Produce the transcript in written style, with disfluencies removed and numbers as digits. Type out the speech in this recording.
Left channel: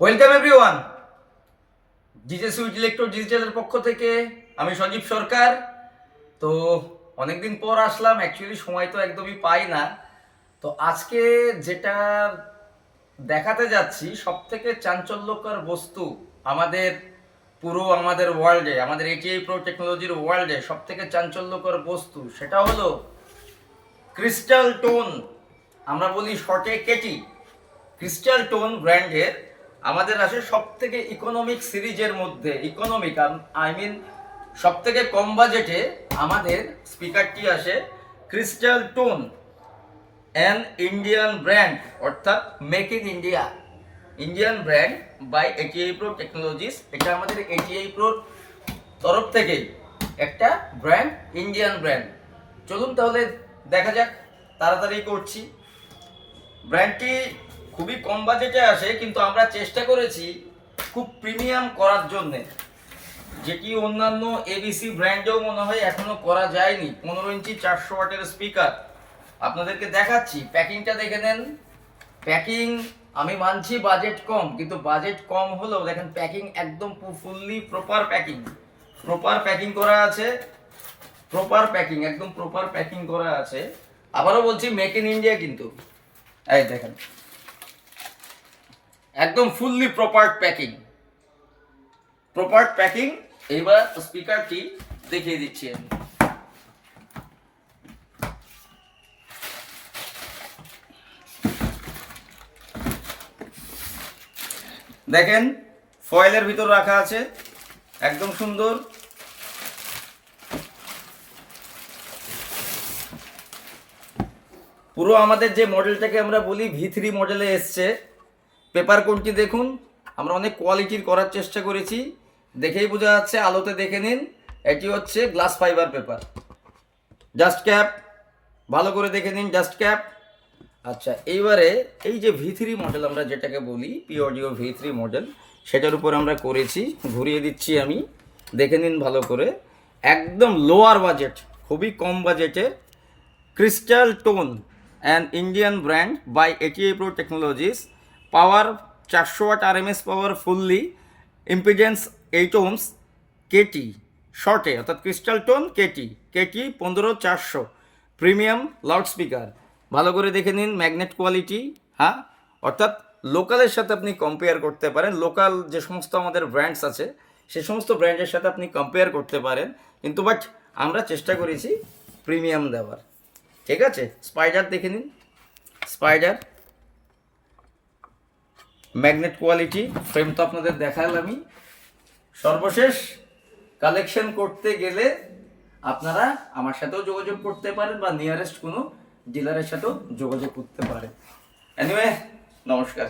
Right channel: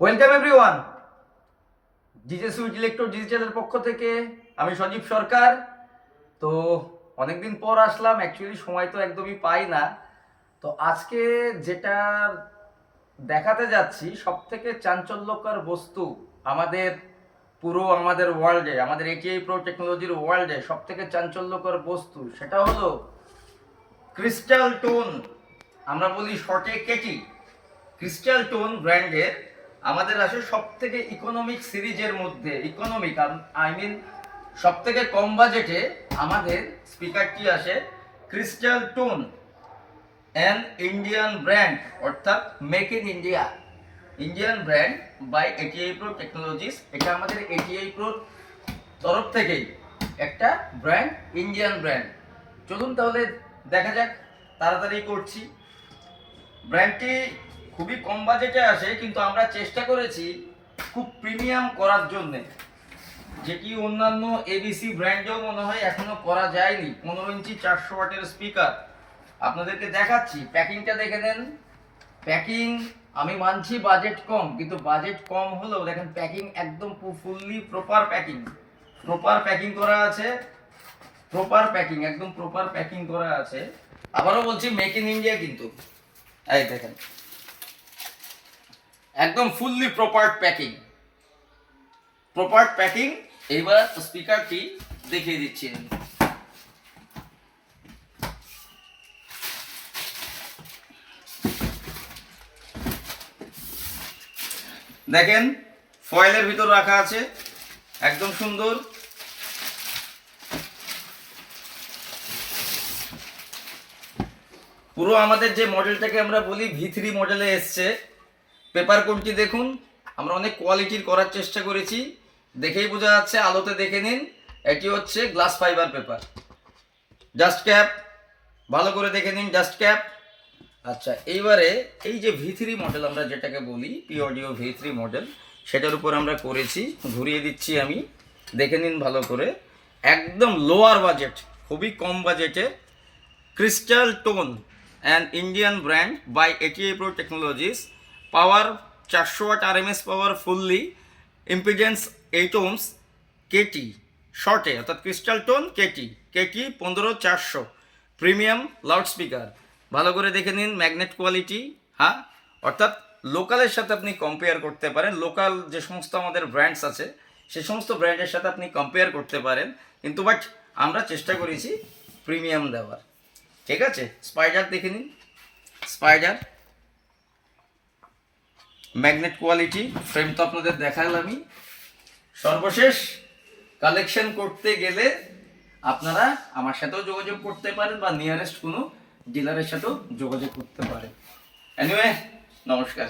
Welcome everyone. DJ sweet electro ডিজিটালের পক্ষ থেকে আমি সঞ্জীব সরকার। তো অনেকদিন পর আসলাম, অ্যাকচুয়ালি সময় তো একদমই পাই না। তো আজকে যেটা দেখাতে যাচ্ছি সব থেকে চাঞ্চল্যকর বস্তু আমাদের ওয়ার্ল্ডে, আমাদের এটিআই প্রো টেকনোলজির ওয়ার্ল্ডে সব থেকে চাঞ্চল্যকর বস্তু, সেটা হলো ক্রিস্টাল টোন। আমরা বলি শর্টে কেটি। ক্রিস্টাল টোন ব্র্যান্ডের আমাদের আসে সব থেকে ইকোনমিক সিরিজের মধ্যে, ইকোনমিক আই মিন সব থেকে কম বাজেটে আমাদের স্পিকারটি আসে crystal tone, an Indian brand, অর্থাৎ make in India, Indian brand by ATI pro technologies. এটা আমাদের এটিআই প্রোর তরফ থেকেই একটা ব্র্যান্ড, ইন্ডিয়ান ব্র্যান্ড। চলুন তাহলে দেখা যাক, তাড়াতাড়ি করছি। ব্র্যান্ডটি খুবই কম বাজেটে আসে, কিন্তু আমরা চেষ্টা করেছি খুব প্রিমিয়াম করার জন্যে, যেটি অন্যান্য এবিসি ব্র্যান্ডেও মনে হয় এখনো করা যায়নি। 15 ইঞ্চি 400 ওয়াটের স্পিকার আপনাদেরকে দেখাচ্ছি। প্যাকিংটা দেখে নেন। প্যাকিং, আমি মানছি বাজেট কম, কিন্তু বাজেট কম হলেও দেখেন প্যাকিং একদম fully proper packing, proper packing করা আছে, প্রপার প্যাকিং, একদম প্রপার প্যাকিং করা আছে। আবারও বলছি মেক ইন ইন্ডিয়া, কিন্তু এই দেখেন একদম fully proper packing, proper packing. এইবার স্পিকারটি দেখিয়ে দিচ্ছি আমি। দেখেন ফয়েলের ভিতর রাখা আছে, একদম সুন্দর। পুরো আমাদের যে মডেলটাকে আমরা বলি V3 মডেলে এসছে। পেপার কোনটি দেখুন, আমরা অনেক কোয়ালিটির করার চেষ্টা করেছি, দেখেই বোঝা যাচ্ছে, আলোতে দেখে নিন। এটি হচ্ছে glass fibre paper. Just cap ভালো করে দেখে নিন, জাস্ট ক্যাপ। আচ্ছা, এইবারে এই যে V3 মডেল আমরা যেটাকে বলি, পি অডিও V3 মডেল, সেটার উপর আমরা করেছি। ঘুরিয়ে দিচ্ছি আমি, দেখে নিন ভালো করে। একদম লোয়ার বাজেট, খুবই কম বাজেটে Crystal tone, an Indian brand by ATI pro Technologies. Power 400 watt RMS power, fully impedance 8 ohms, KT শর্টে, অর্থাৎ Crystal Tone KT, KT 15400, premium loud speaker. ভালো করে দেখে নিন, ম্যাগনেট কোয়ালিটি। হ্যাঁ, অর্থাৎ লোকালের সাথে আপনি কম্পেয়ার করতে পারেন, লোকাল যে সমস্ত আমাদের ব্র্যান্ডস আছে সে সমস্ত ব্র্যান্ডের সাথে আপনি কম্পেয়ার করতে পারেন, কিন্তু বাট আমরা চেষ্টা করেছি প্রিমিয়াম দেওয়ার। ঠিক আছে, স্পাইডার দেখে নিন, স্পাইডার ম্যাগনেট কোয়ালিটি। ফ্রেম তো আপনাদের দেখালামই। সর্বশেষ কালেকশন করতে গেলে আপনারা আমার সাথেও যোগাযোগ করতে পারেন, বা নিয়ারেস্ট কোনো ডিলারের সাথেও যোগাযোগ করতে পারেন। এনিওয়ে, নমস্কার।